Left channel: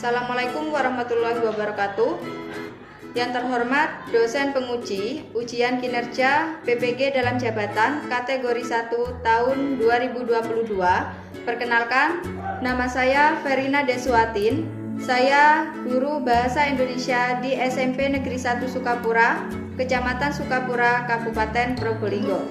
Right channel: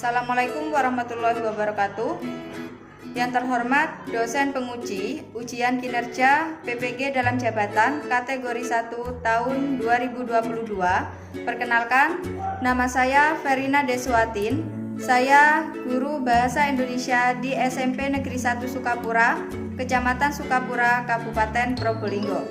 Assalamualaikum warahmatullahi wabarakatuh. Yang terhormat dosen penguji ujian kinerja PPG dalam jabatan kategori 1 tahun 2022. Perkenalkan, nama saya Verina Deswatin. Saya guru Bahasa Indonesia di SMP Negeri 1 Sukapura, Kecamatan Sukapura, Kabupaten Probolinggo.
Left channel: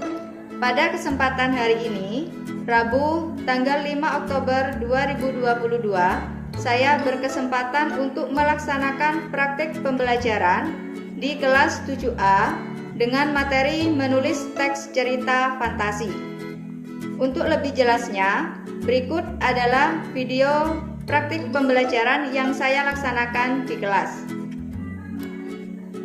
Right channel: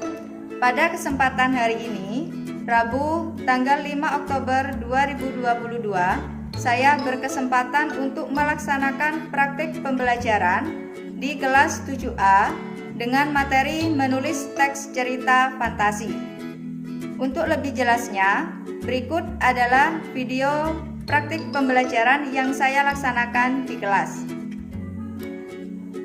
Pada kesempatan hari ini, Rabu tanggal 5 Oktober 2022, saya berkesempatan untuk melaksanakan praktik pembelajaran di kelas 7A dengan materi menulis teks cerita fantasi. Untuk lebih jelasnya, berikut adalah video praktik pembelajaran yang saya laksanakan di kelas.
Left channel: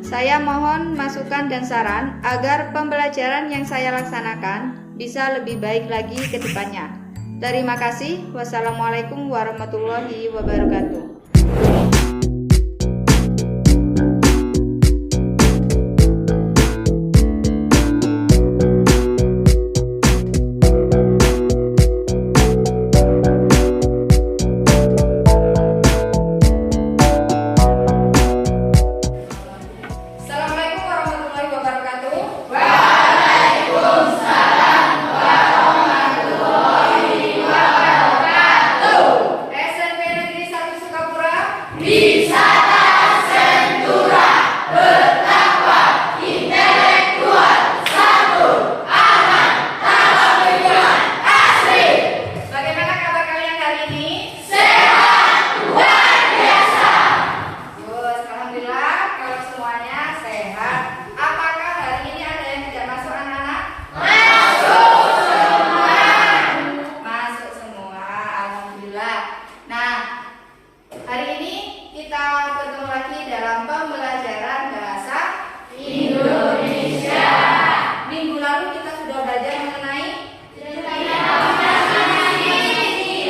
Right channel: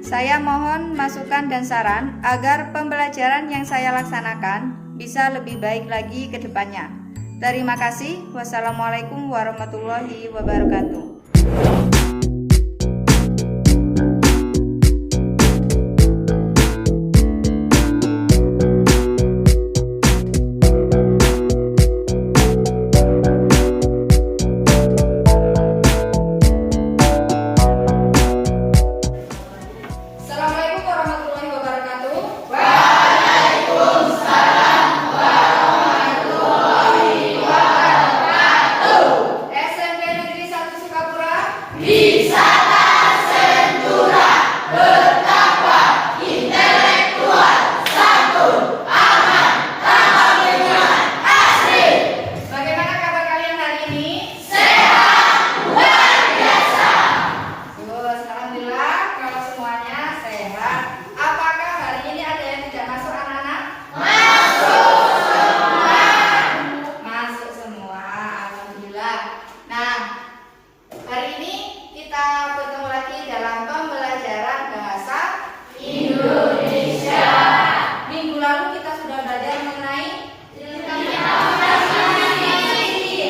Saya mohon masukan dan saran agar pembelajaran yang saya laksanakan bisa lebih baik lagi ke depannya. Terima kasih. Wassalamualaikum warahmatullahi wabarakatuh. Hari ini kita bertemu lagi dalam pembelajaran bahasa Indonesia. Minggu lalu kita sudah belajar mengenai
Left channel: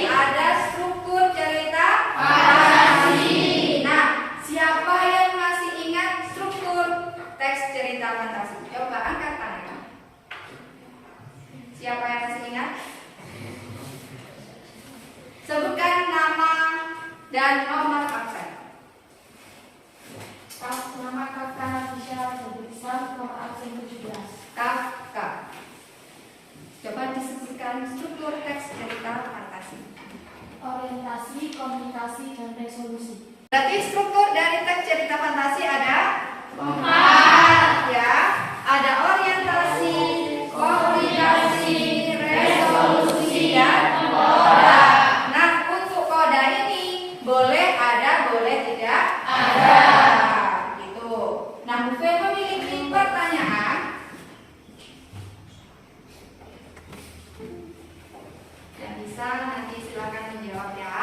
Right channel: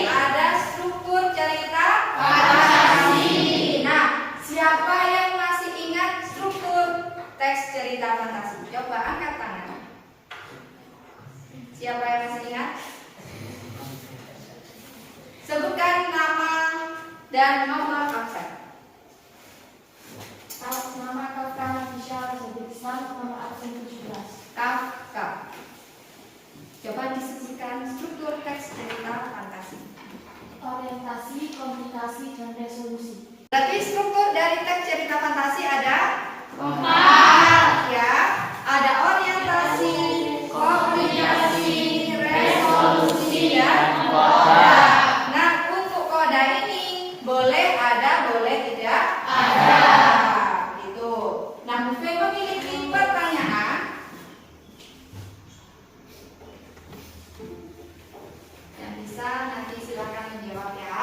ada struktur cerita fantasi. Nah, siapa yang masih ingat struktur teks cerita fantasi? Coba angkat tangan. Siapa yang masih ingat? Sebutkan nama dan nomor absen. Nama Kafka Nafisya Rajadiksan, nomor absen 17. Kafka. Coba disebutkan struktur teks cerita fantasi. Orientasi, komunikasi, dan resolusi. Berarti struktur dari teks cerita fantasi ada 4 ya. Ada orientasi, komunikasi, resolusi, dan koda. Nah, untuk koda ini boleh ada, boleh tidak ada. Gitu. Nah, Bu Fe memiliki pertanyaan yang bisa nanti silakan menjawab ya.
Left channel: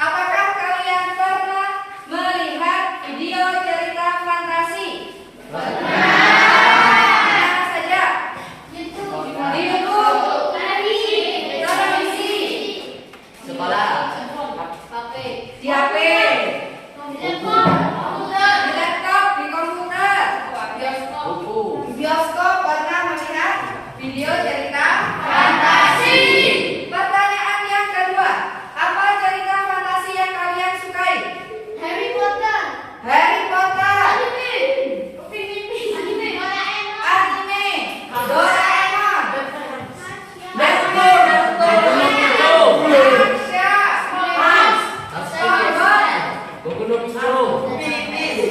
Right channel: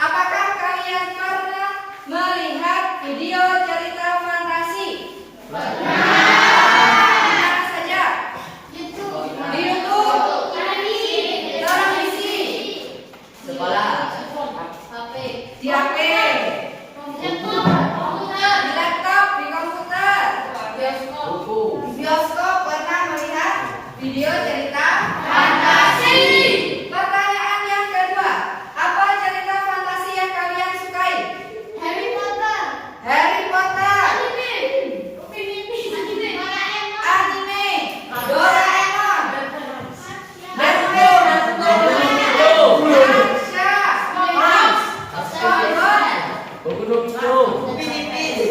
Apakah kalian pernah melihat video cerita fantasi? Pernah. Mana saja? Di YouTube, televisi, sekolah, di HP, di laptop, di komputer, buku, bioskop pernah melihat video cerita fantasi. Pertanyaan yang kedua, apa cerita fantasi yang kalian sukai? Harry Potter. Harry Potter, anime, Doraemon,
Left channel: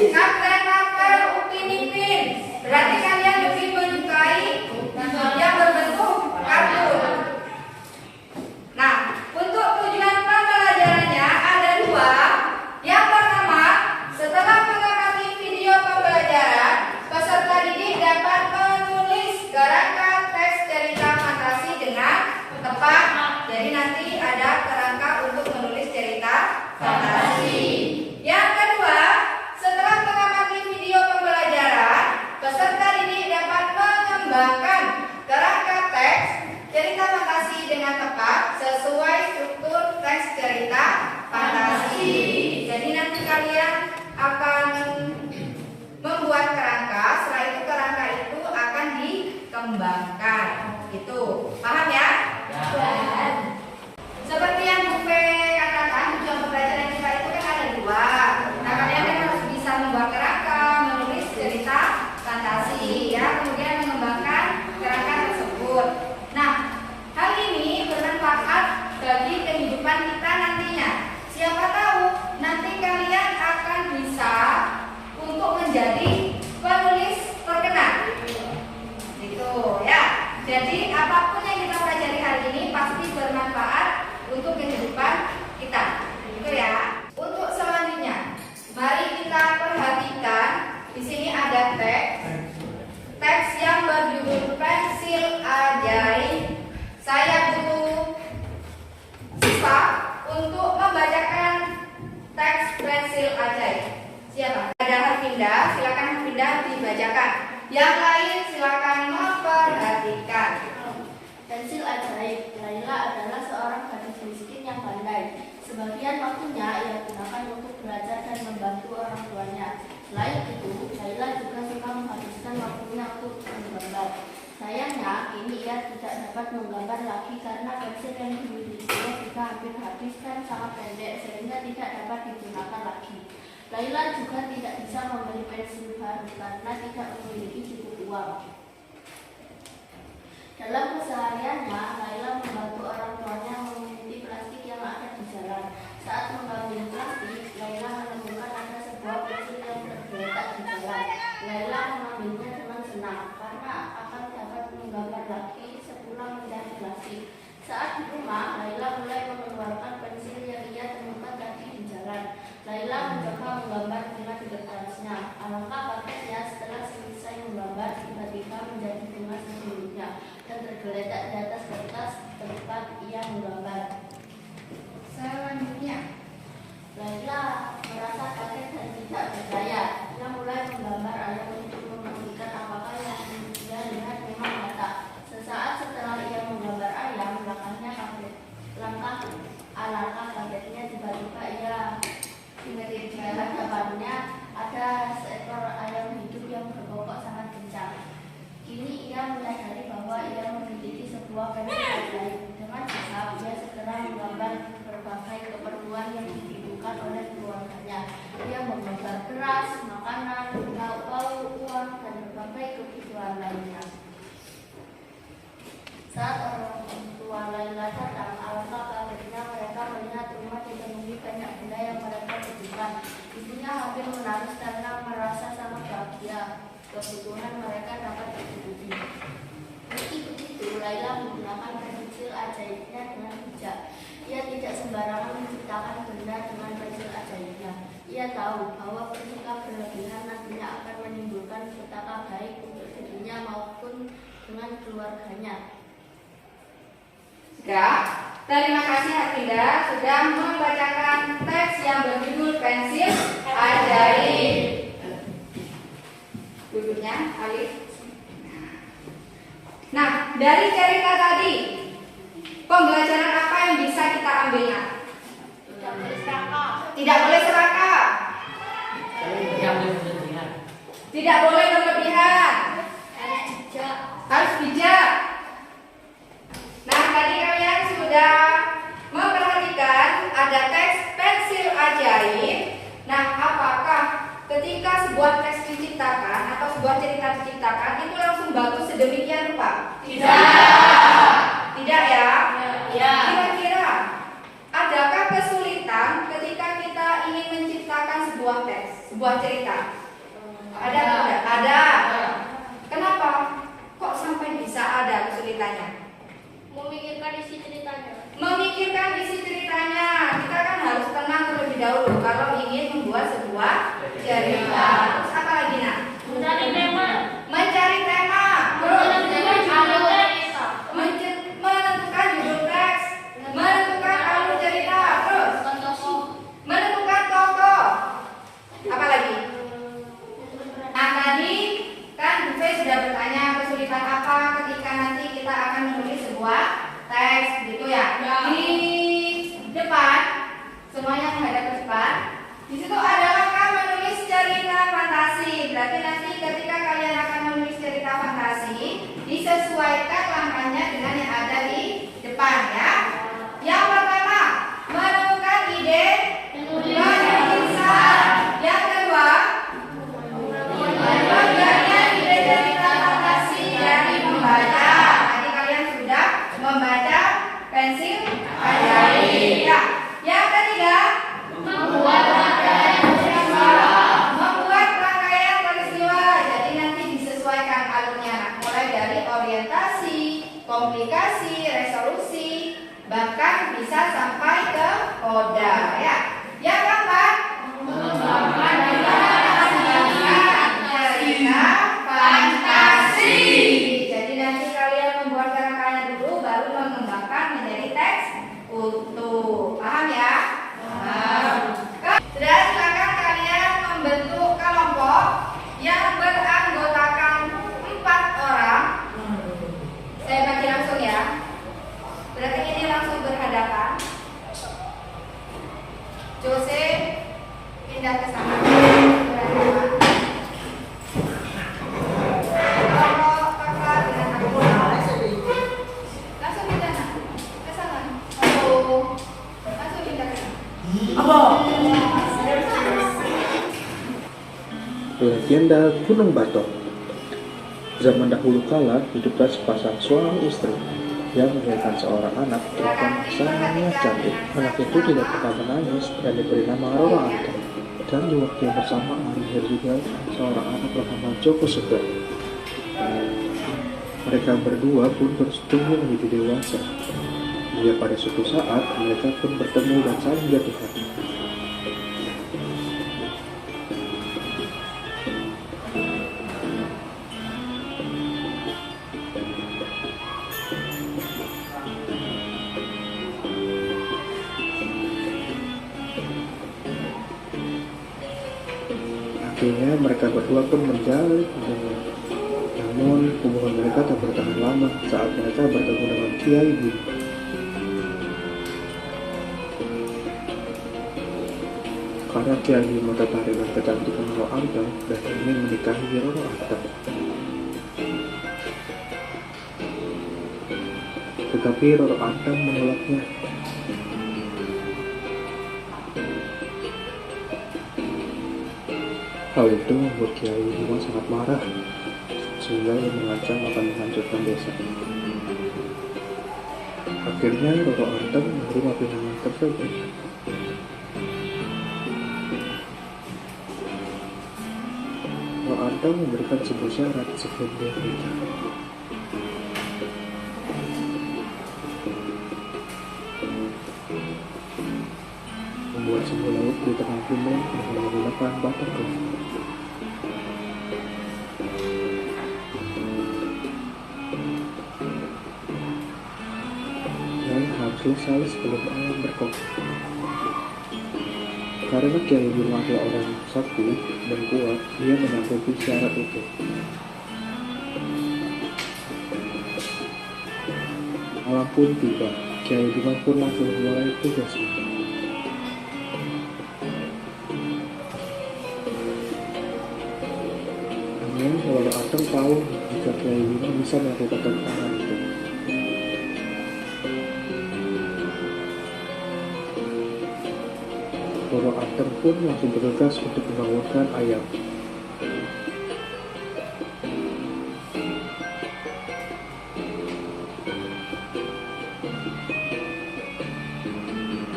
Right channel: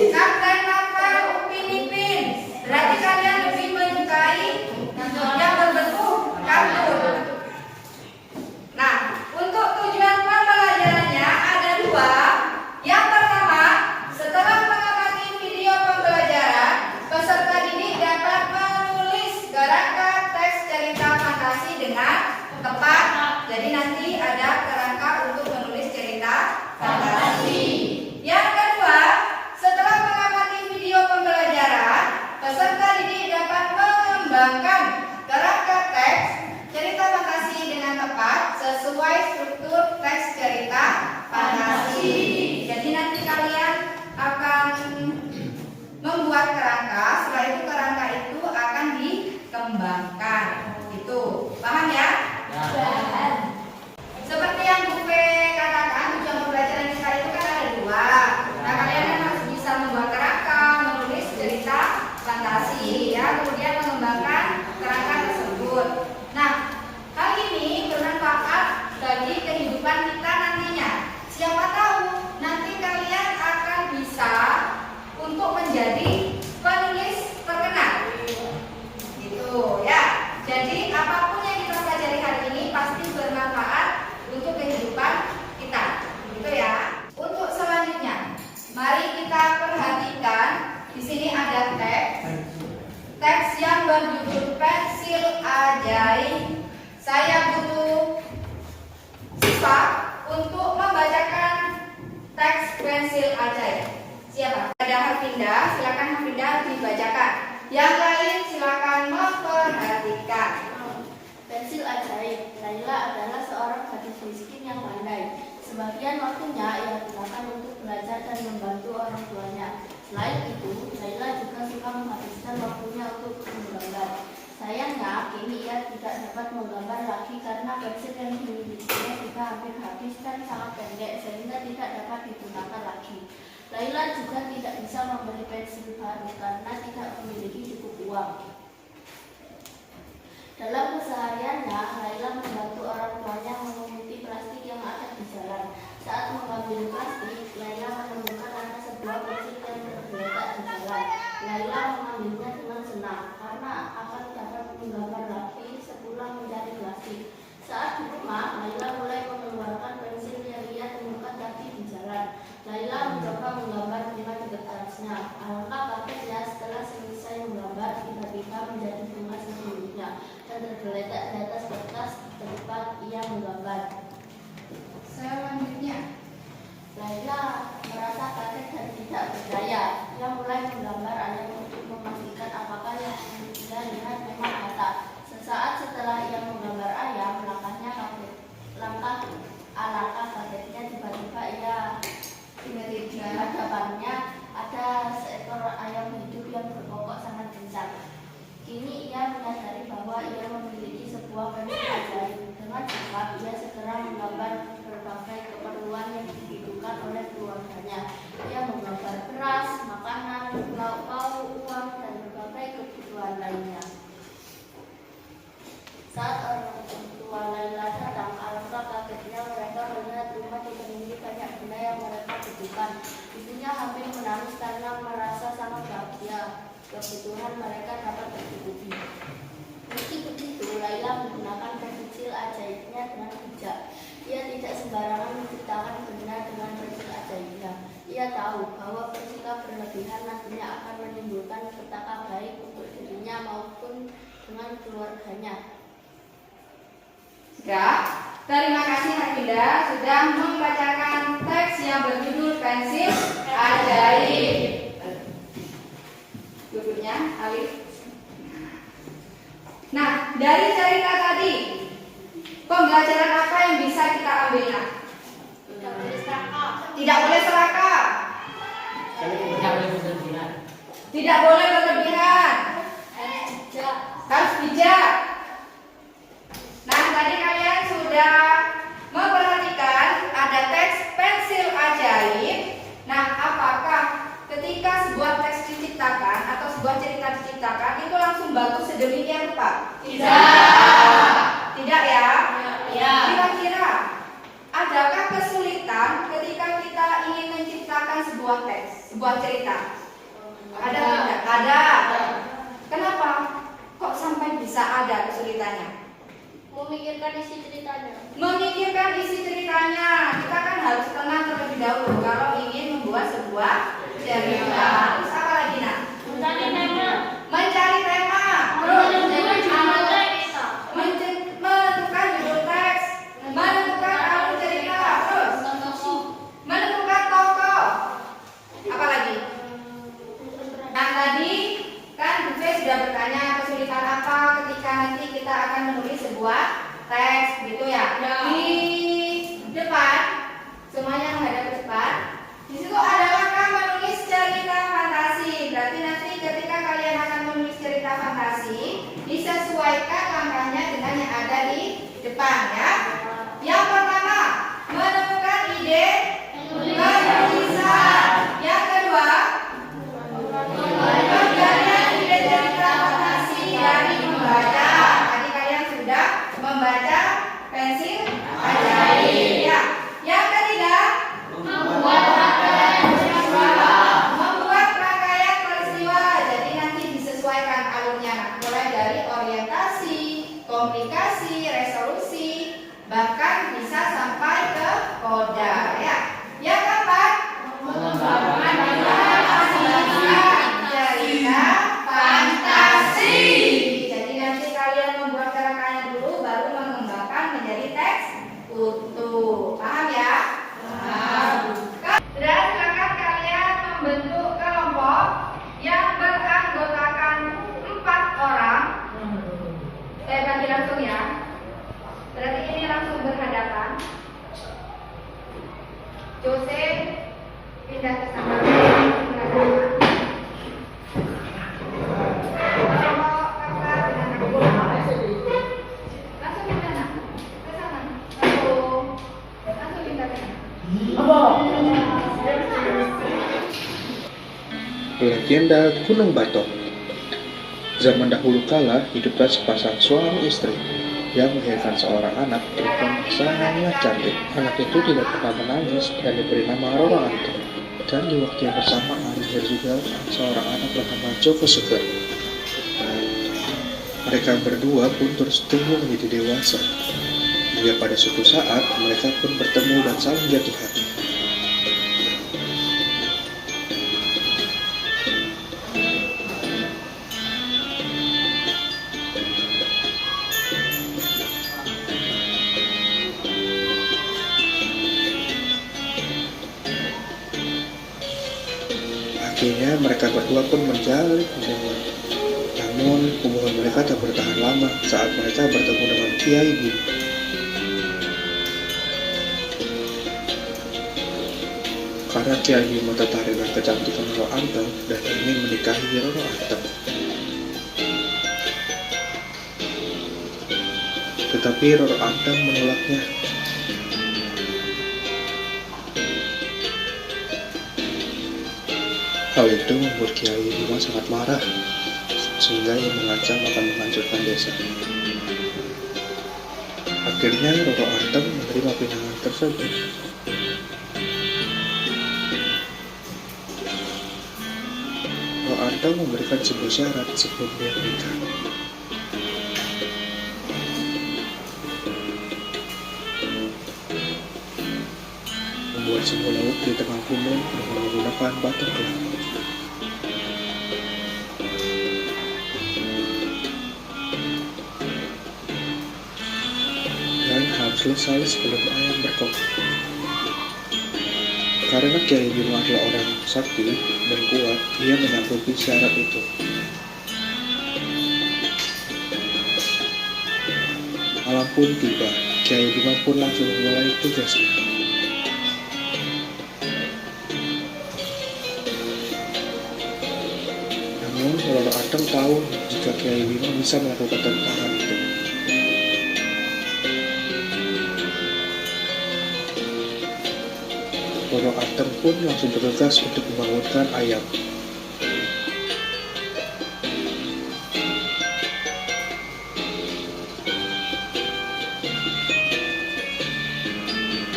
Kapten Marvel, Upin Ipin. Berarti kalian lebih menyukai yang berbentuk kartun. Nah, untuk tujuan pembelajarannya ada 2. Yang pertama, setelah mengamati video pembelajaran, peserta didik dapat menulis garakan teks cerita fantasi dengan tepat. Jadi nanti ada kerangka untuk menulis cerita fantasi. Yang kedua, pensil ajaib. Siapa? Ada Harfinda, silakan Harfinda dibacakan. Yang lain silakan memperhatikan. Pensil ajaib. Laila adalah seorang gadis miskin yang pandai. Sebagian waktunya ia gunakan untuk belajar dan membantu orang tuanya. Selain itu, Laila juga suka menghabiskan waktunya untuk menggambar. Sayangnya, kini ia tidak dapat menggambar lagi karena pensil yang dimilikinya sudah hampir habis dan sangat pendek sehingga tidak dapat digunakan lagi. Laila juga tidak bisa membeli pensil baru karena tidak memiliki cukup uang. Dalam kesehariannya, Laila membantu orang tuanya mengunci plastik yang ada di jalan. Saat mengambil plastik, Laila menemukan ada sebuah pensil yang tergeletak di jalan. Laila mengambilnya dengan senang karena akan dapat menggambar lagi sepulang mencari plastik. Saat di rumah, Laila mulai mengeluarkan pensil yang ia temukan tadi di jalan. Laila mencoba menggambar dengan cerasnya. Alangkah kagetnya setelah selesai menggambar, tiba-tiba menjadi bunga sesungguhnya dan tergeletak di atas kertas tempat ia menggambar. Selanjutnya, Laila merasa kaget dan tidak percaya. Ia mulai menggambar ayam untuk memastikan apakah yang ia lihat memang nyata. Sesaat setelah ia menggambar ayam, alangkah kagetnya tiba-tiba di hadapannya ada seekor ayam hidup yang berkokok sangat kencang. Kini ia menyadari bahwa ia memiliki sebuah pensil ajaib. Dengan cepat ia segera menggambar berbagai keperluan yang dibutuhkan oleh keluarganya. Ia menggambar beras, makanan, lauk pauk, uang, dan berbagai kebutuhan lainnya. Saat orang tua Laila datang, alangkah kagetnya mereka melihat rumah dipenuhi banyak benda yang mereka butuhkan. Ibunya hampir menangis karena merasa sangat bahagia. Kebutuhan mereka dapat dicukupi. Meski begitu, Laila menggunakan pensil ajaibnya dengan bijak. Ia tidak sembarangan menciptakan benda dengan pensil ajaibnya. Ia tahu bahwa ketika berlebihan nantinya akan menimbulkan petaka baik untuk dirinya maupun dengan keluarganya. ya, terima kasih Harfinda sudah membacakan teks yang berjudul Pensil Ajaib. Duduknya, Alif. Nah, dari cerita tadi, pembelajaran apa yang bisa kita ambilnya? Tidak boleh serakah. Tidak boleh serakah. Tidak boleh berlebihan. Tidak boleh berlebihan. Harus bijak. Harus bijak. Nah, tadi kalian sudah memperhatikan ada teks pensil ajaib. Nah, apakah ketika sebuah teks diciptakan atau sebuah cerita diciptakan itu langsung bagus sedemikian rupa? Tidak. Tidak ya? Ya. Kira-kira adakah kesulitan ketika kita ingin menciptakan sebuah teks, sebuah cerita? Ada tidak? Ada. Kenapa? Kok sampai bisa ada kesulitannya? Memikirkan isi ceritanya. Memikirkan isi ceritanya, kita kan harus tenang terlebih dahulu kalau ingin membuat sebuah cerita. Terus apa lagi nak? Mencari tema. Mencari tema. Terus menentukan judul teks, menentukan alur cerita, terus menentukan tokoh. Apa lagi? Nah tadi kan Bu Fe sudah bertanya kesulitan apa ketika nanti kita akan menulis sebuah teks gitu ya. Ya. Di depan semuanya menghadap ke depan. pindah ke sana. Berdua. Kelompok kakak dengan adik. Langsung pindah nak. Ke sana. Langsung pindah ke sana. Legenda Gunung Batok. Zaman dahulu kala hiduplah sepasang suami istri yang melahirkan seorang anak perempuan sangat cantik. Anak itu tidak pernah menangis dan diberi nama Roro Anteng. Dan di waktu yang bersamaan lahir juga seorang anak bernama Joko Seger. Mereka berdua pun terus tumbuh menjadi dewasa. Hingga pada suatu saat mereka pun bertemu dan saling jatuh hati. Akhirnya mereka berdua pun menjalin hubungan. Namun hubungan mereka tak bertahan lama saat mereka bertemu dengan Kiai Bima. Karena Kiai Bima tertarik dengan kecantikan Roro Anteng dan ingin menikahi Roro Anteng. Tetapi Roro Anteng menolaknya. Hal itu membuat Kiai Bima sangat marah, sehingga ia mengancam akan menghancurkan desa. Akhirnya Roro Anteng menerima pinangan tersebut. Roro Anteng memberikan sebuah syarat sebelum dia menikah. Membuat sebuah laut di tengah gunung dengan menggunakan batok kelapa. Dan harus selesai sebelum ayam berkokok. Karena Kiai Bima adalah orang sakti dan kuat, dia menyanggupi syarat itu. Malam pun tiba, Kiai Bima pun langsung mulai tugasnya. Namun Roro Anteng tahu jika Kiai Bima bisa melakukan tantangan itu. Roro Anteng pun langsung bergegas untuk membangunkan ayam.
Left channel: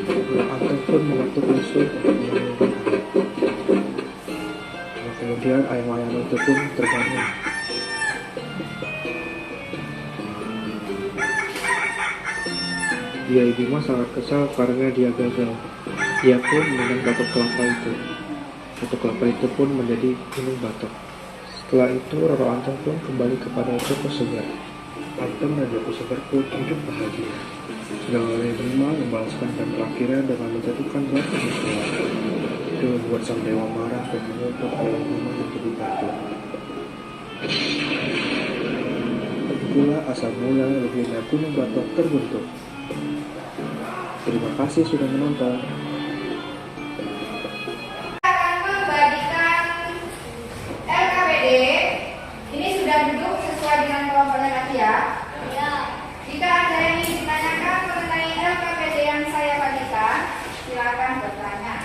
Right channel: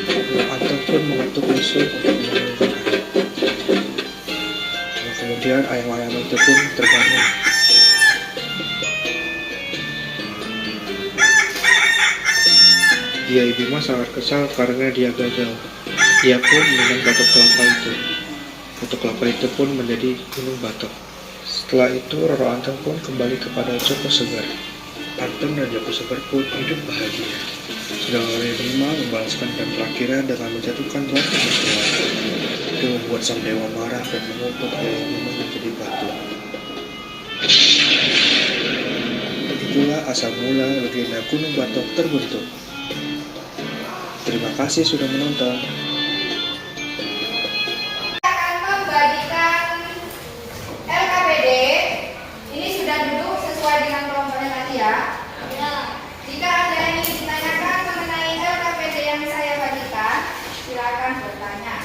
Roro Anteng pun mengetuk musuh untuk membangunkan ayam. Kemudian ayam-ayam itu pun terbangun. Kiai Bima sangat kesal karena dia gagal. Ia pun dengan batok kelapa itu. Batok kelapa itu pun menjadi Gunung Batok. Setelah itu Roro Anteng pun kembali kepada Joko Seger. Anteng dan Joko Seger pun hidup bahagia. Sedangkan Kiai Bima membalaskan dan terakhirnya dengan menjatuhkan batu musuh. Itu membuat sang dewa marah dan mengutuk Kiai Bima menjadi batu. Begitulah asal mula legenda Gunung Batok terbentuk. Terima kasih sudah menonton. Akan membagikan LKPD. Ini sudah duduk sesuai dengan kelompoknya nanti ya. Jika ada yang ingin ditanyakan mengenai LKPD yang saya bagikan, silakan bertanya.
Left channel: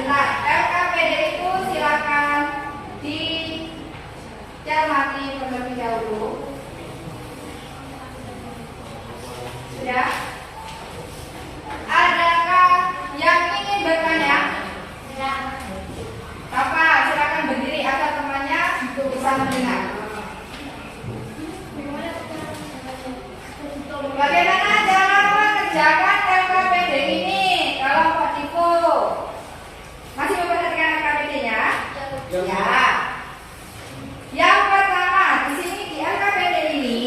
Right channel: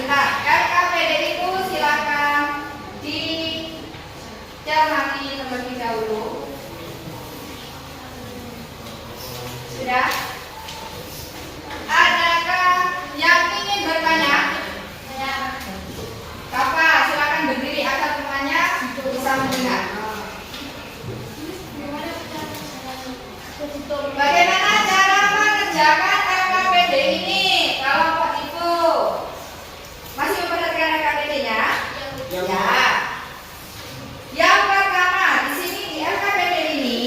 Nah, LKPD itu silakan dicermati terlebih dahulu. Sudah? Adakah yang ingin bertanya? Bapak, silakan berdiri agar temannya bisa mendengar. Bagaimana cara mengerjakan LKPD ini? Kelompok Tifu masih memperhatikan LKPD-nya? Ya. Yang pertama, di sini di LKPD ini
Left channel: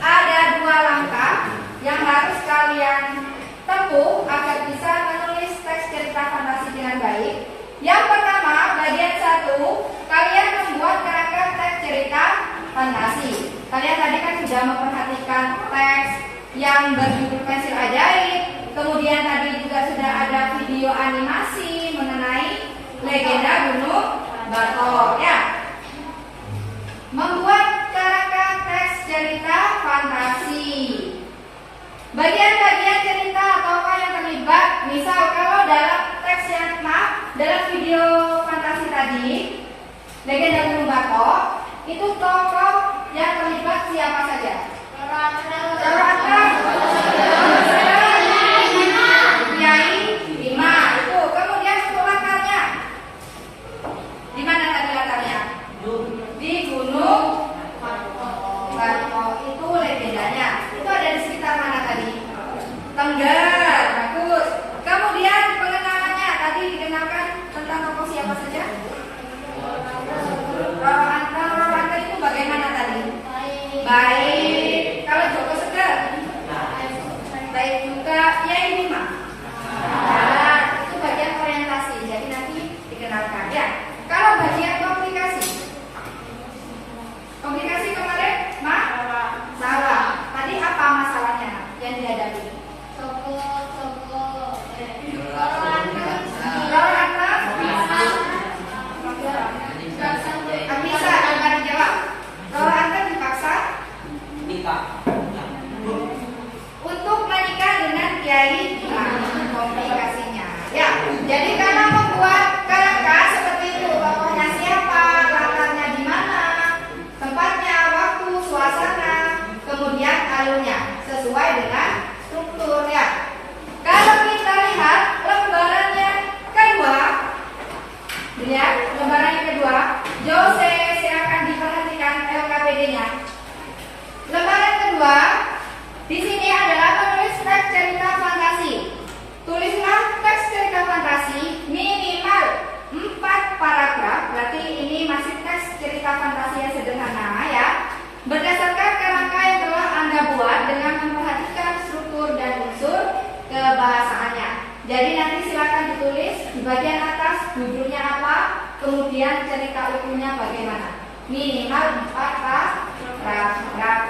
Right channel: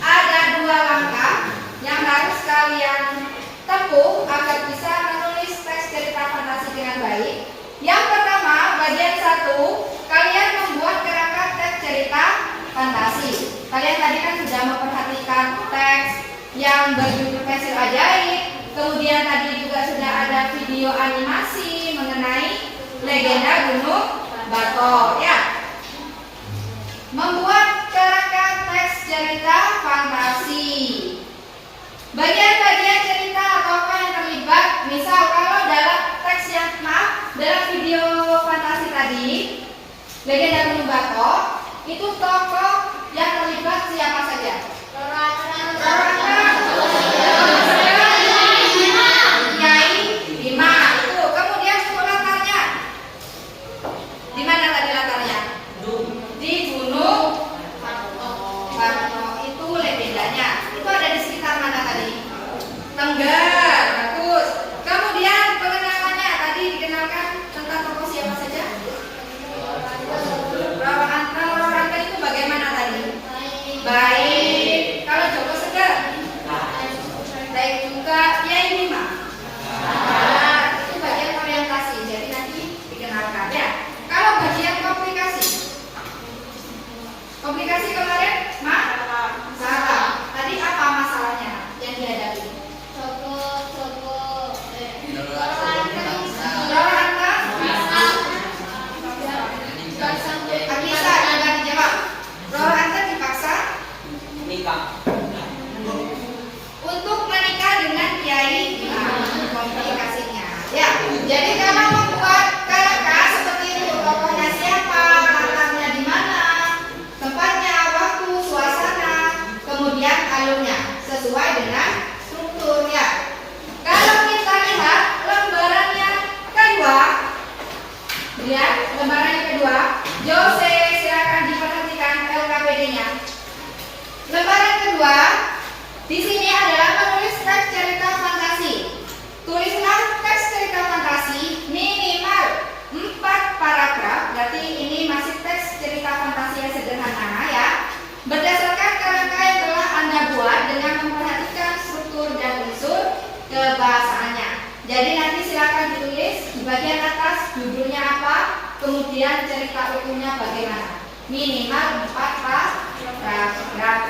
ada 2 langkah yang harus kalian tempuh agar bisa menulis teks cerita fantasi dengan baik. Yang pertama, bagian 1 yang berjudul Pensil Ajaib. Kemudian tadi juga sudah ada video animasi mengenai legenda Gunung Batok ya. Membuat kerangka teks cerita fantasi. Bagian-bagian cerita atau apa yang terlibat, misal kalau dalam teks yang dalam video fantasi tadi, legenda Gunung Batok, itu tokoh yang terlibat siapa saja? Kiai Bima itu. Kemudian untuk latarnya, di mana tadi latarnya? Di Gunung Batok. Itu legendanya. Itu ada di sekitar mana tadi? Tengger. Bagus. Kemudian pengenalannya tadi dikenalkan tentang tokoh siapa saja? Roro Anteng. Roro Anteng itu bagaimana tadi? Baik. Kalau Joko Seger? Baik juga. Kiai Bima? Itu bagian orientasi. Jadi nanti dikenalkan ya. Kalau bagian komplikasi? Komplikasi kemarin? Salah. Tadi apa masalahnya yang dihadapi? Roro Anteng? Bisa akan dijawab. Roro Anteng dipaksa untuk menikah dengan Kiai Bima. Komplikasinya ya. Jadi kalau membuat kerangka seperti itu, tokohnya siapa, latarnya di mana, tempatnya, waktu, suasana, kemudian alurnya sesuai dengan struktur ya. Kalau kita lihat lembaran yang kedua, lihat lembaran yang kedua, Jose silakan diperhatikan LKPD-nya. Lembaran kedua, di sini adalah menulis teks cerita fantasi. Tulislah teks cerita fantasi minimal 4 paragraf. Berarti ini masih teks cerita fantasi yang sederhana ya. Berdasarkan kerangka yang telah Anda buat dengan memperhatikan struktur dan unsur kebahasaannya. Jadi nanti silakan ditulis di bagian atas judulnya apa, kemudian cerita utuhnya bagaimana. Minimal 4 paragraf.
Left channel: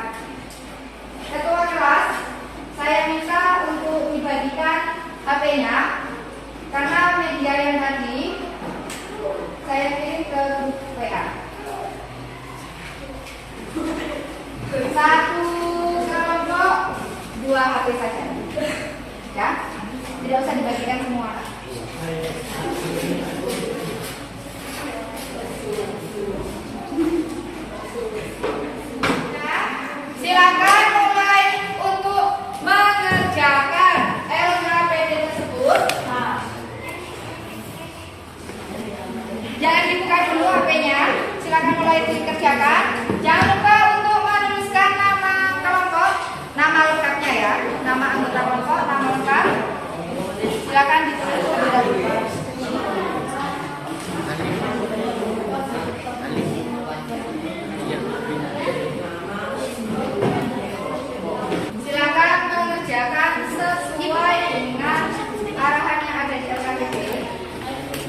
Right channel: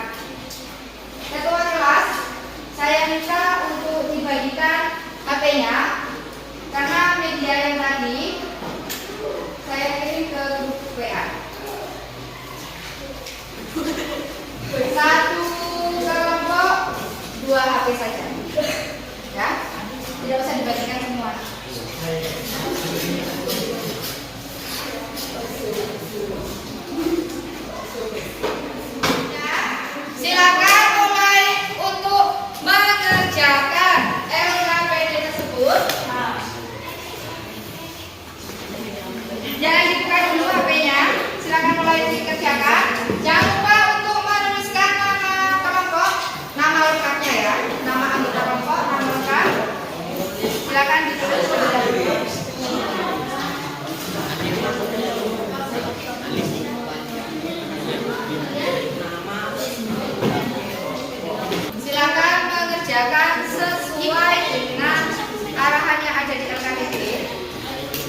Ketua kelas, saya minta untuk dibagikan HP-nya karena media yang tadi saya kirim ke grup WA. Satu kelompok 2 HP saja, ya, tidak usah dibagikan semua. Silakan mulai untuk mengerjakan LKPD tersebut. Jangan dibuka dulu HP-nya. Silakan mulai dikerjakan. Jangan lupa untuk menuliskan nama kelompok, nama lengkapnya ya, nama anggota kelompok, nama lengkap. Silakan ditulis terlebih dahulu. Silakan mengerjakan sesuai dengan arahan yang ada di LKPD.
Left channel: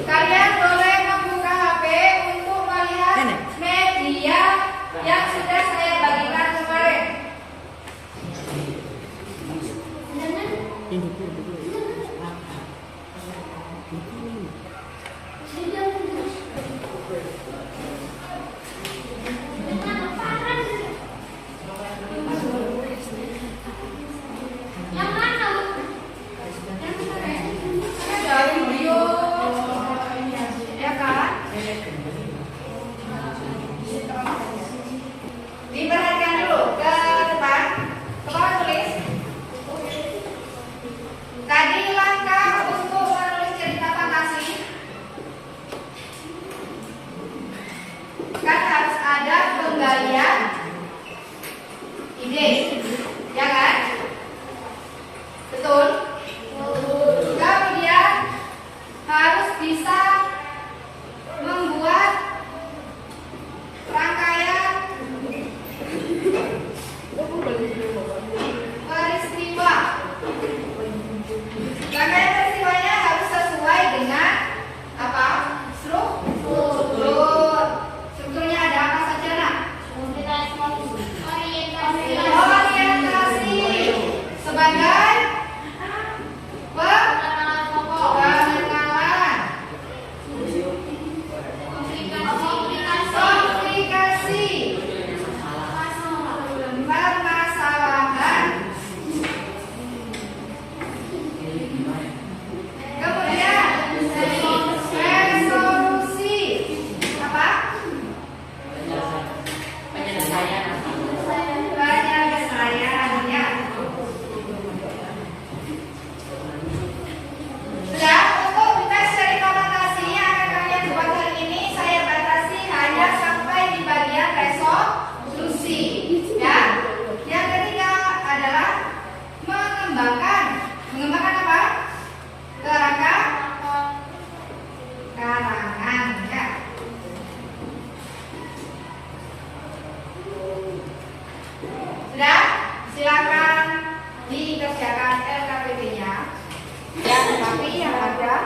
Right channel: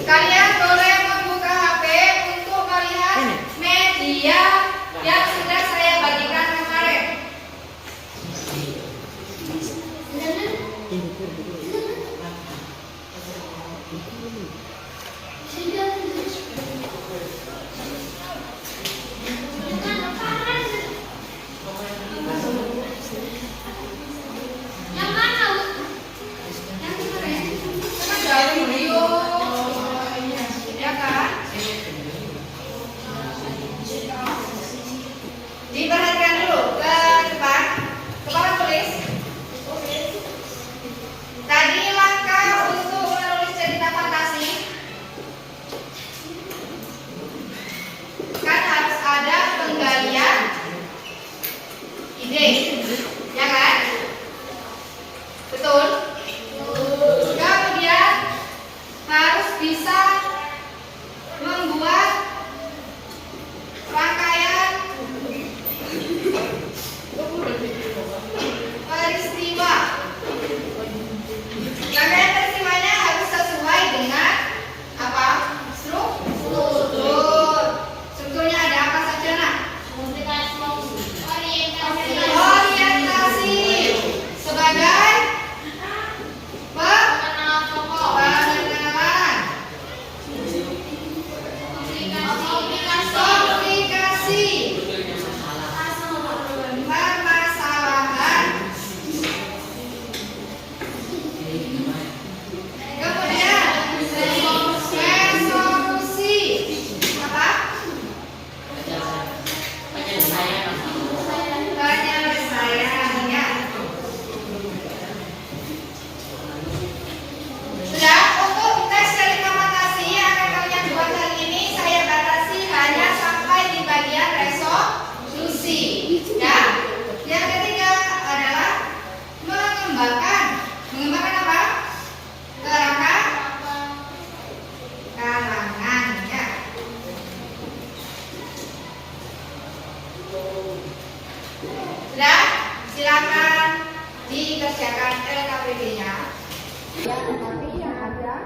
Kalian boleh membuka HP untuk melihat media yang sudah saya bagikan kemarin. Diperhatikan dulu ke depan, kepala tulis. Tadi langkah untuk menulis cerita fantasi kan harus ada penggalian ide, ya kan? Betul? Kemudian harus bisa membuat dikerjakan LKPD-nya, ya, tapi yang ada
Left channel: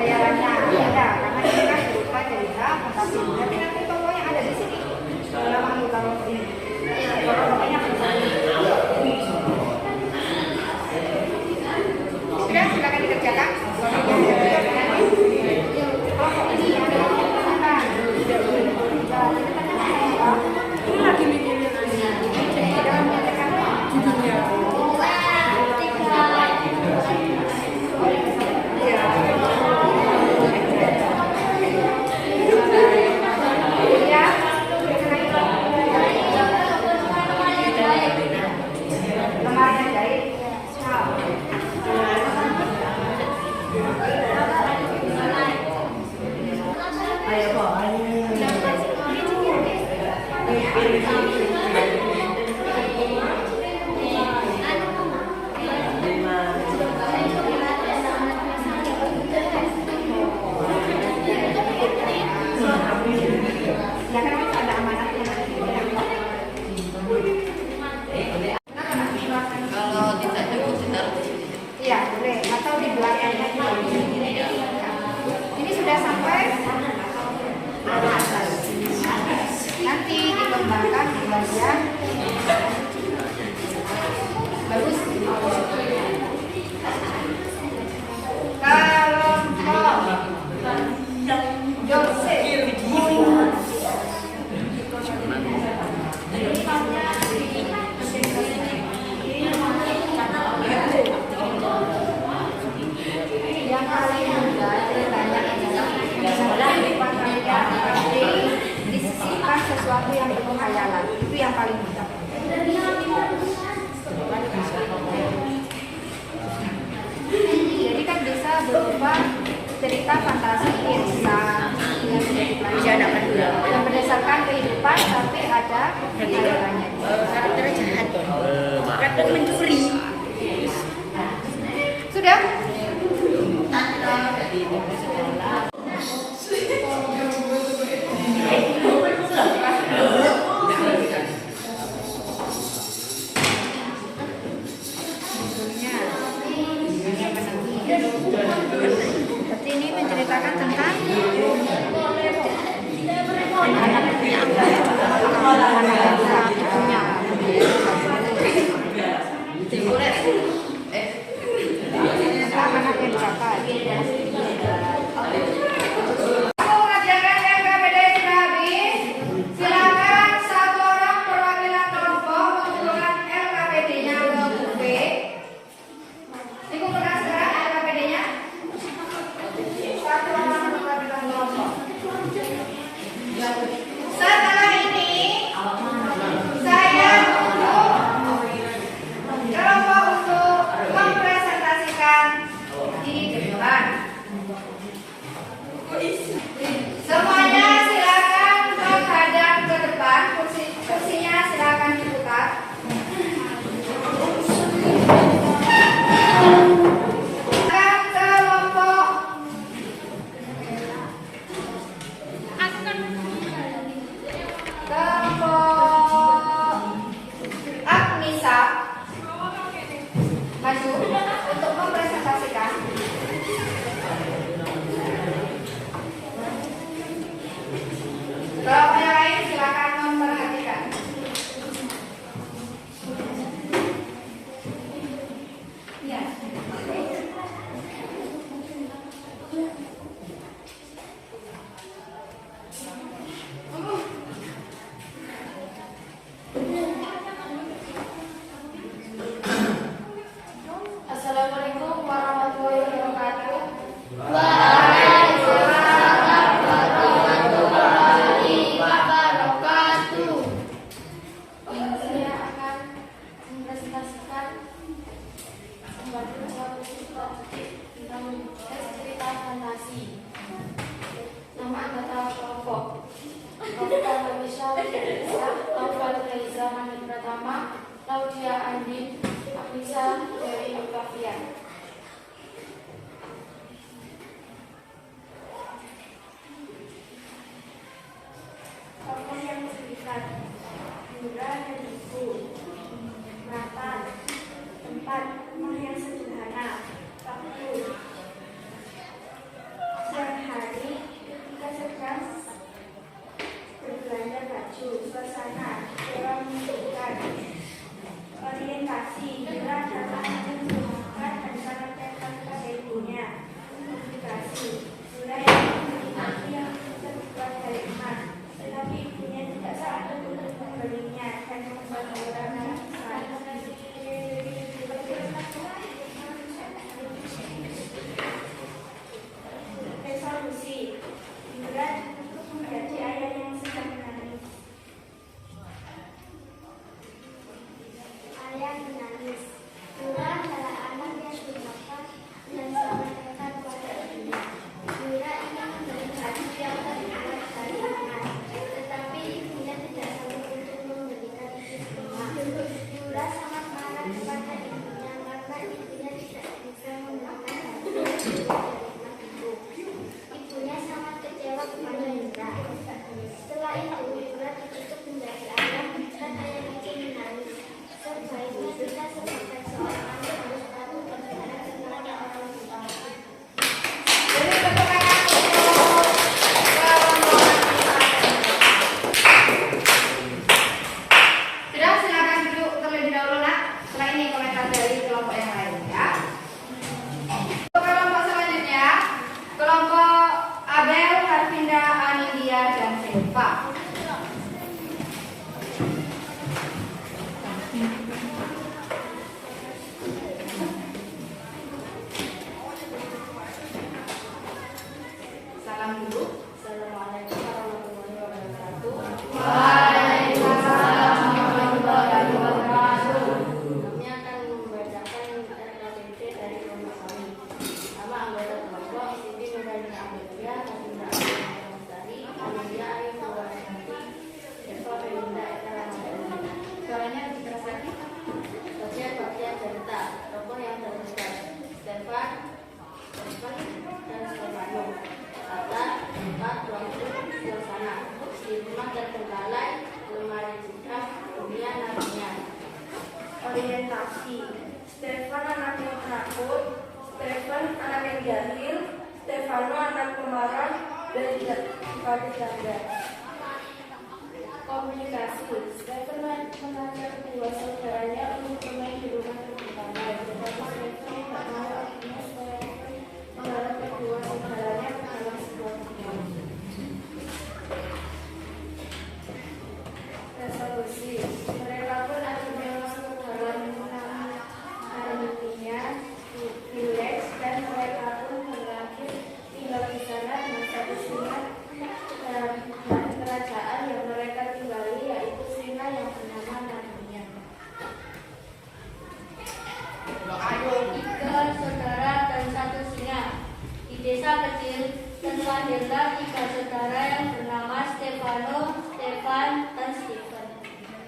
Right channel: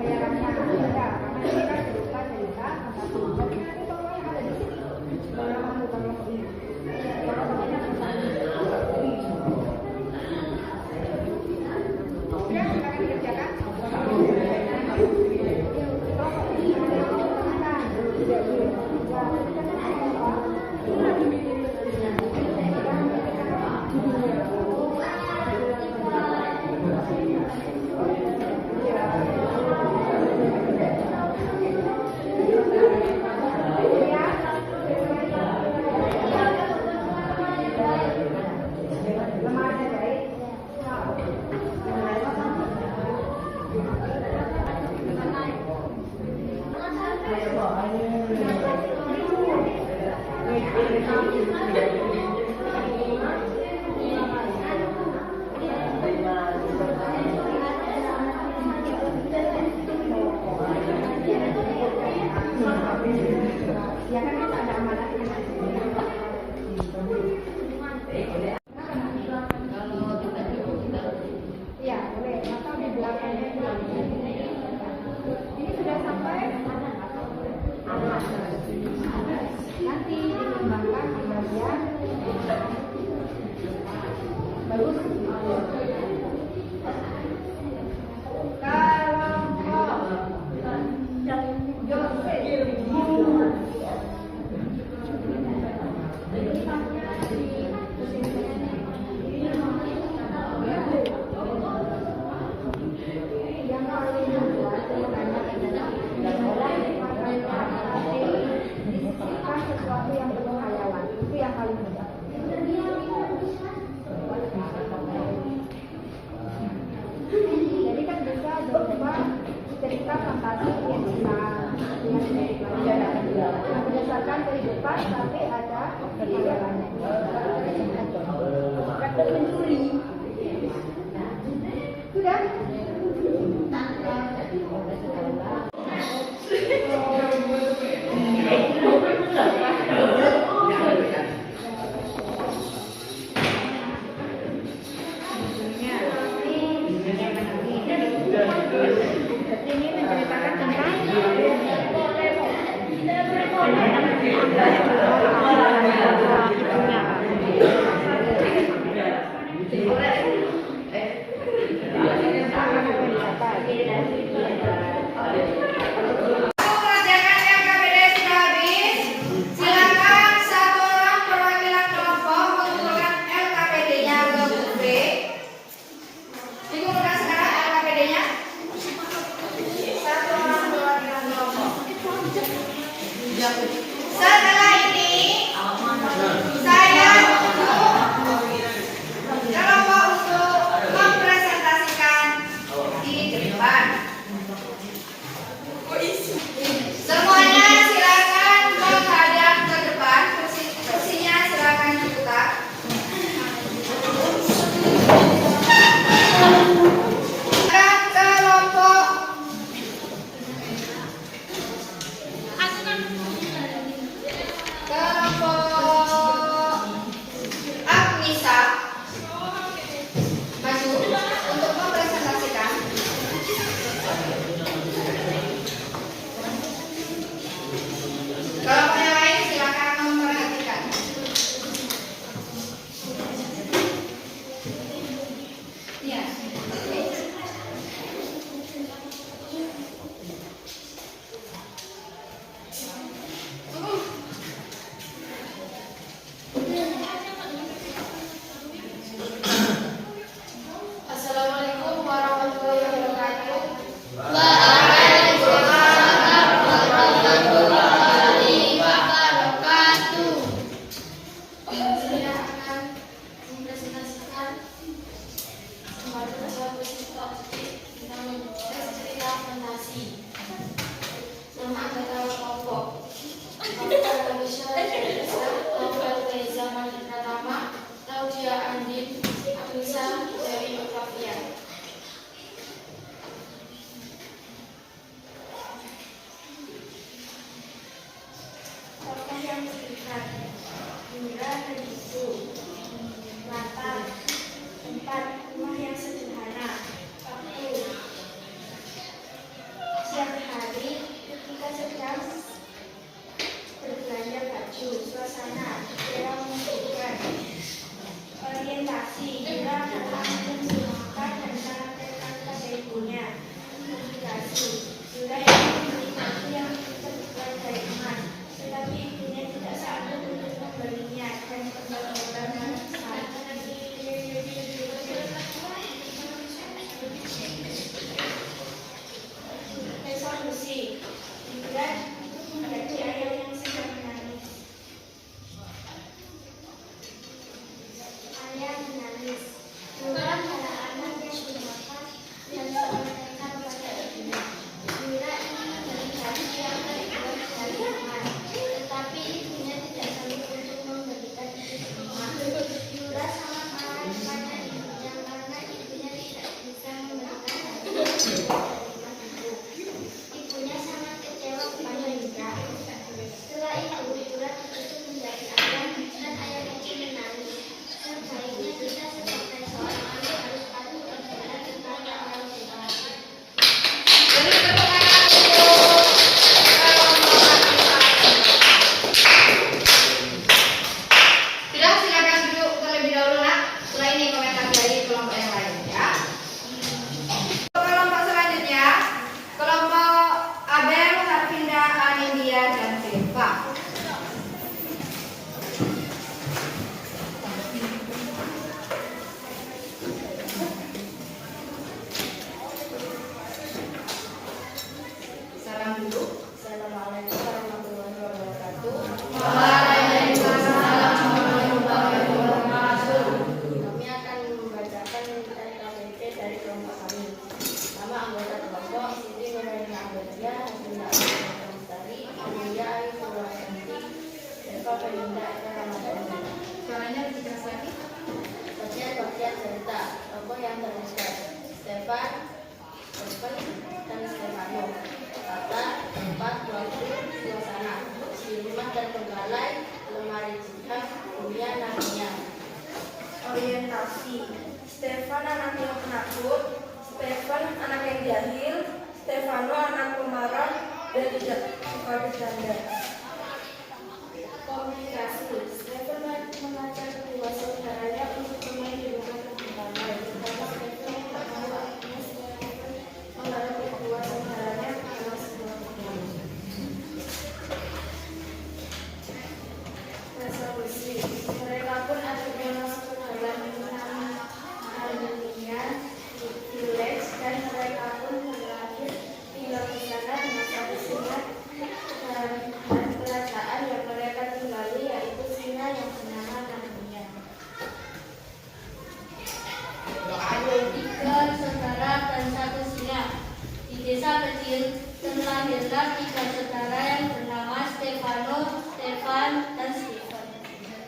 bayarannya ada, karena ini kan berupa cerita fantasi. Tapi nanti pokoknya ada di sini dalam anggota kelompok ini. Pokoknya sudah, silakan dikerjakan. Kelompok ini ada cerita fantasi yang berdasarkan kehidupan tapi ada hayalannya. Karakter jahat kan mencuri. Sudah? Ini menceritakan tentang setelah ini saya kelompok untuk mempresentasikan di depan. Semuanya silakan menghadap ke depan. Kursinya silakan diputar. Maju untuk mempresentasikan. Kelompok yang lain silakan memperhatikan. Ya. Assalamualaikum warahmatullahi wabarakatuh. Waalaikumsalam warahmatullahi wabarakatuh. Saya akan mempresentasikan suatu siswa tentang cerita fantasi. Nama anggota kelompok Novel Indonesia, Novel dari zaman pertama, Claudia Andin, Agnisa dari Flavia. Tokoh yang disebutkan Yura dan Ibu, Mata, Deva. Salam dulu. Assalamualaikum warahmatullahi wabarakatuh. Kami akan membacakan LKPP dari kelompok kami. Nama anggota kelompok Siti Nurhaliza Ahmadiyah, Nabila Abdulmustari, Amelia Ayu Purwasyanti, Eva Felinda Eka Ramadhani. Suaranya lebih keras lagi. Bagian cerita tokoh yang terlibat Stefan, dan Stefano. Kata, tempat, waktu, suasana, di rumah terbengkalai, lemari jilbab, dunia namanya. Orientasi. Stefan anak yang penakut, Stefan anak yang jahil, Stefano anak pemarah dan tidak suka bercanda. Komunikasi. Stefan mengajak kedua saudaranya untuk bermain di rumah terbengkalai. Tetapi Stefan tak mau, akhirnya Stefan mengajak kedua saudaranya ke dalam sebuah kebun. Resolusi. Mereka pun akhirnya masuk ke dalam alumininya village dan mereka pun berakhir tinggal di sana dengan satu singa dan kerajaan yang mereka tinggali, yaitu singa yang bernama Narnia. Ada 3 saudara dan 1 singa. Di desa kecil terlahirlah 3 saudara yang bernama Stefano, Stefan, dan Stephen.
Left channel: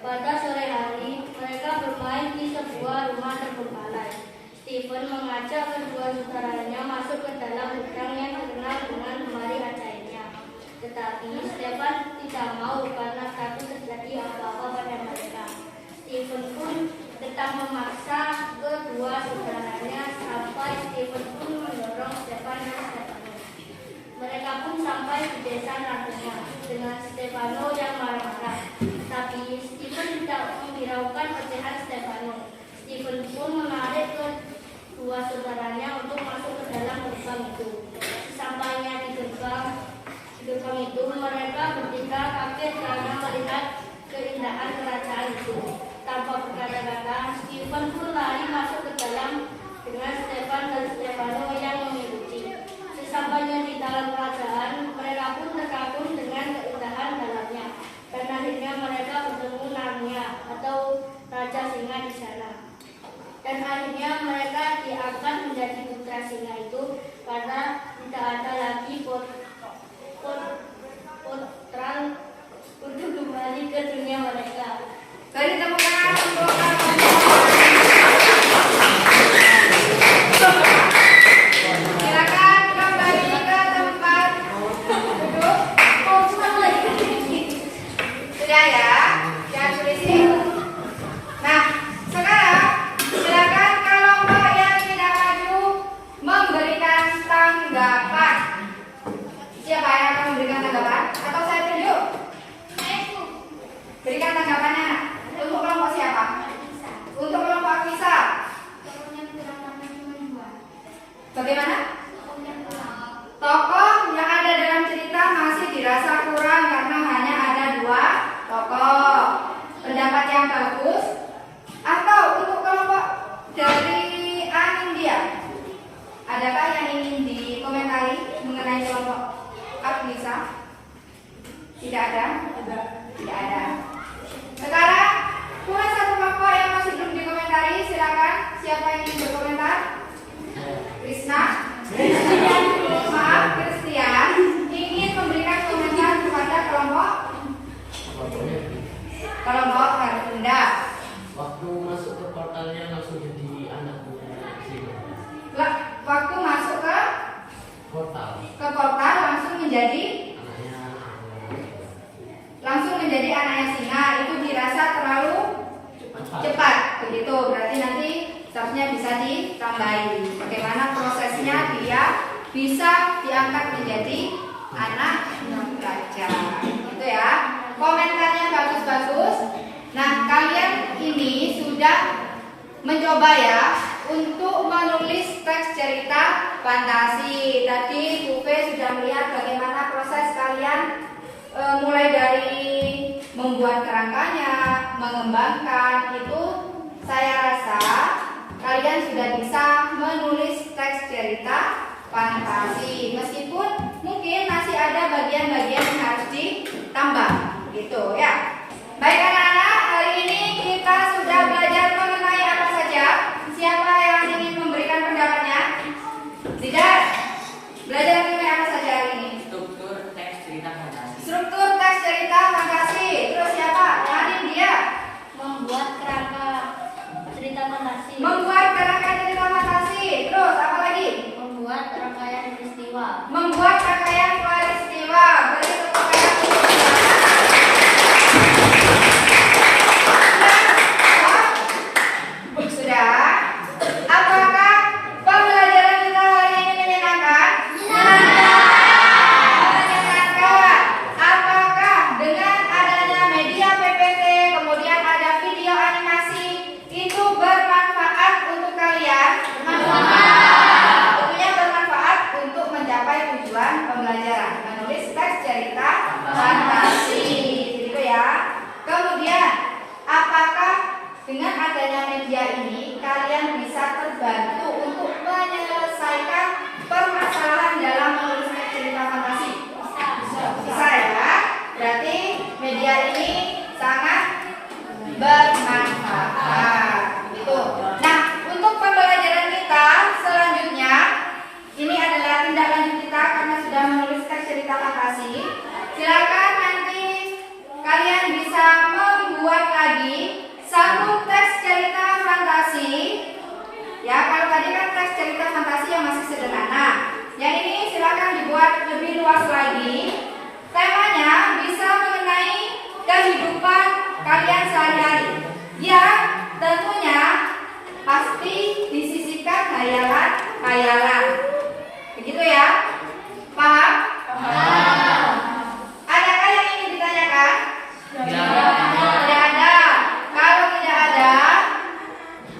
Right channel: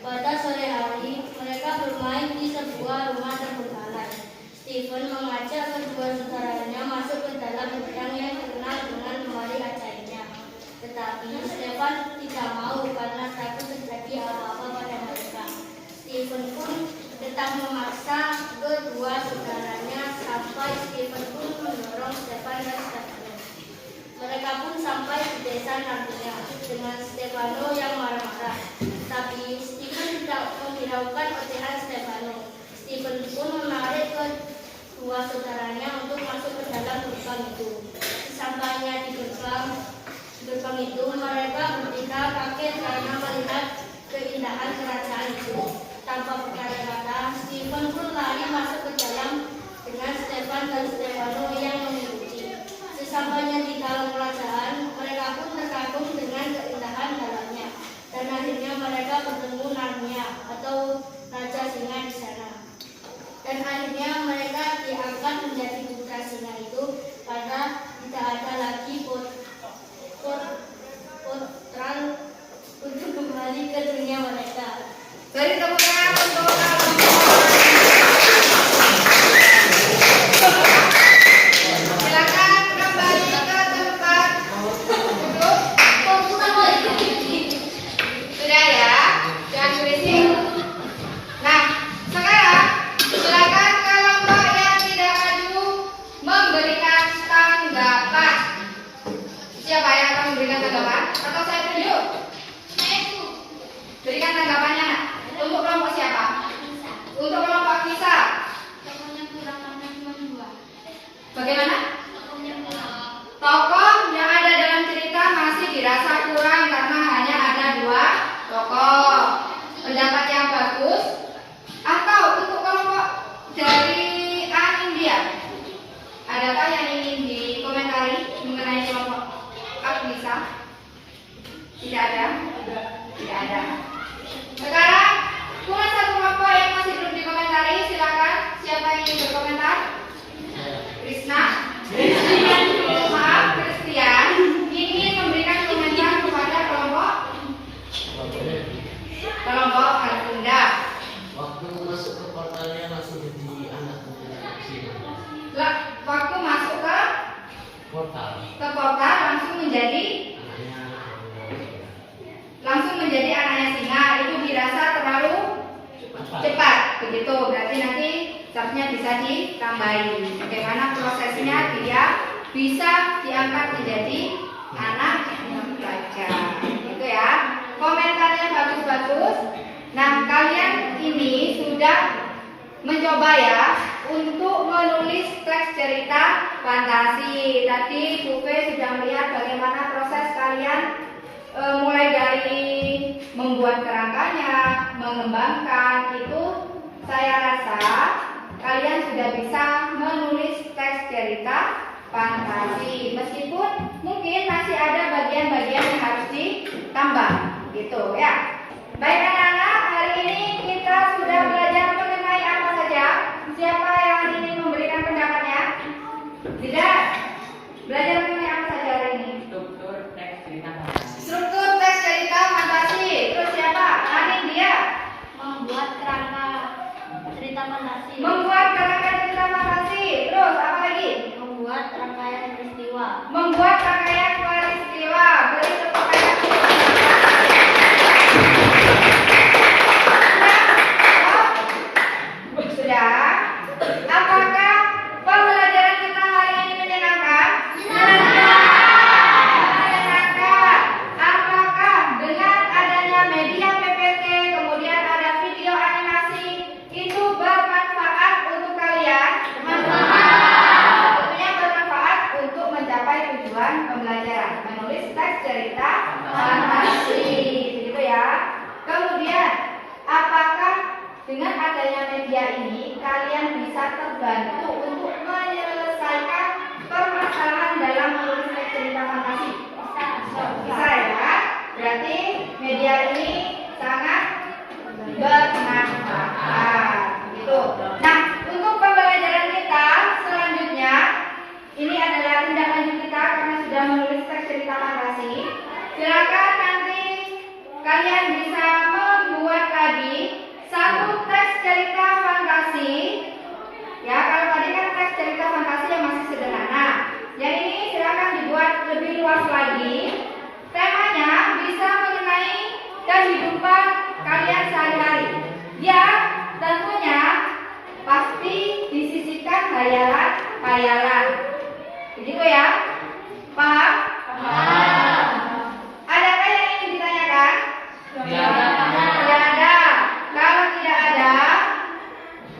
Pada sore hari, mereka bermain di sebuah rumah terbengkalai. Stephen mengajak kedua saudaranya masuk ke dalam gudang yang terkenal dengan lemari ajaibnya. Tetapi Stefan tidak mau karena takut terjadi apa-apa pada mereka. Stephen pun tetap memaksa kedua saudaranya sampai Stephen pun mendorong Stefan dan Stefano. Mereka pun sampai di desa Narnia dengan Stefano yang marah-marah. Tapi Stephen tidak menghiraukan ocehan Stefano. Stephen pun menarik kedua saudaranya untuk masuk ke dalam gerbang itu. Sesampainya di gerbang itu, mereka bertiga kaget karena melihat keindahan kerajaan itu. Tanpa berkata-kata, Stephen pun lari masuk ke dalam dengan Stefan dan Stefano yang mengikuti. Sesampainya di dalam kerajaan, mereka pun terkagum dengan keindahan dalamnya. Dan akhirnya mereka bertemu Narnia atau Raja Singa di sana. Dan akhirnya mereka diangkat menjadi putra singa itu karena tidak ada lagi potral untuk kembali ke dunia mereka. Beri tepuk tangan untuk silakan kembali ke tempat duduk. Sudah ya, jangan berisik. Nah, sekarang silakan kelompok yang tidak maju memberikan tanggapan. Siapa yang akan memberikan tanggapan? Atau saya tunjuk? Berikan tanggapannya, nak. Untuk kelompok siapa? Untuk kelompok Kisa. Bagaimana? Tokoh yang ada dalam cerita masih dirasa kurang karena hanya ada 2 tokoh. Pendapat yang bagus. Atau untuk kelompok dari Anindya, adakah yang ingin dikomentari mengenai kelompok Agnisa? Tidak ada? Tidak ada. Sekarang kurang 1 kelompok yang masih belum dikomentari. Silakan, siapa yang ingin berkomentar? Krisna? Maaf, Christian ingin memberikan komentar kepada kelompok Argunda. Waktu masuk ke portalnya langsung jadi anaknya sini. Waktu masuk ke Portal portal langsung menjadi anaknya singa. Itu dirasa terlalu cepat, begitu. Berarti nanti seharusnya bisa ditambahi. Bagaimana prosesnya dia bisa diangkat menjadi anak raja, gitu ya. Komentarnya bagus-bagus. Nah, kalian ini sudah mencoba ya untuk menulis teks cerita fantasi. Tadi Bu Fe sudah melihat bagaimana proses kalian mulai dari membuat kerangkanya, mengembangkan itu saya rasa kalian sudah bisa menulis teks cerita fantasi. Meskipun mungkin masih ada bagian-bagian yang harus ditambah gitu ya. Baik anak-anak, hari ini kita sudah belajar mengenai apa saja. Siapa yang ingin memberikan pendapatnya? Tidak. Belajar mengenai apa saja hari ini? Struktur teks cerita fantasi. Struktur teks cerita fantasi. Terus siapa? Anin dia. Membuat kerangka cerita fantasi. Membuat kerangka cerita fantasi. Terus apa lagi? Membuat rangkaian peristiwa. Membuat rangkaian peristiwa. Beri tepuk tangan. Sudah? Apakah pembelajaran kita hari ini menyenangkan? Menyenangkan. Apakah dengan adanya media PPT, kemudian ada video animasi, itu bermanfaat untuk kalian? Tentunya bermanfaat untuk mencapai tujuan pembelajaran, menulis teks cerita fantasi, gitu ya. Kemudian, apakah dengan adanya media ini kalian bisa terbantu untuk menyelesaikan permasalahan dalam menulis teks cerita fantasi? Bisa ya. Berarti media ini sangat bermanfaat. Gitu. Nah, untuk pembelajaran kita selanjutnya, ini adalah tindak lanjut kita karena sudah menulis teks cerita fantasi. Silakan nanti kalian bisa membuat lagi satu teks cerita fantasi. Ya, kalau tadi kan teks cerita fantasi yang masih sederhana. Yang ini silakan dibuat lebih luas lagi. Temanya bisa mengenai kehidupan kalian sehari-hari. Ya, tentunya pasti disisipkan hayalan-hayalan. Begitu ya? Paham? Paham. Adakah yang ingin ditanyakan? Tidak ada. Kalau tidak ada,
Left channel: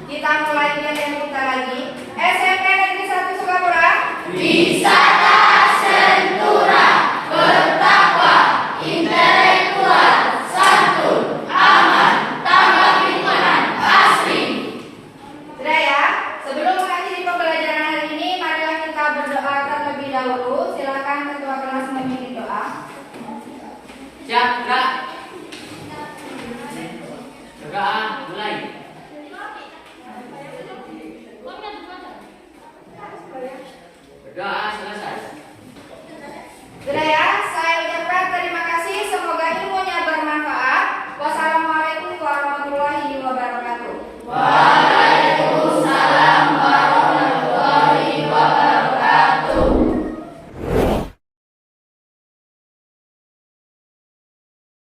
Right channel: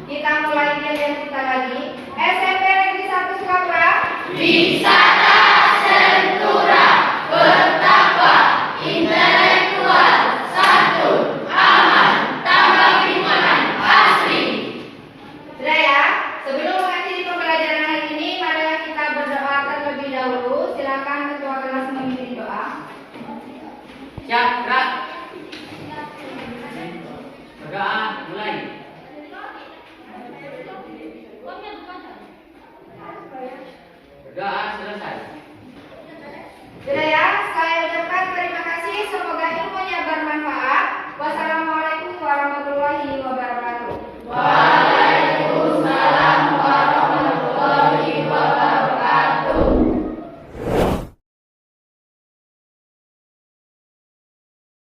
kita mulai pelajaran kita lagi. SMP Negeri 1 Sukapura. Wisata Sentura, bertakwa, intelektual, santun, aman, tambah pikiran, asli. Sudah ya? Sebelum mengakhiri pembelajaran hari ini, marilah kita berdoa terlebih dahulu. Silakan ketua kelas memimpin doa. Siap,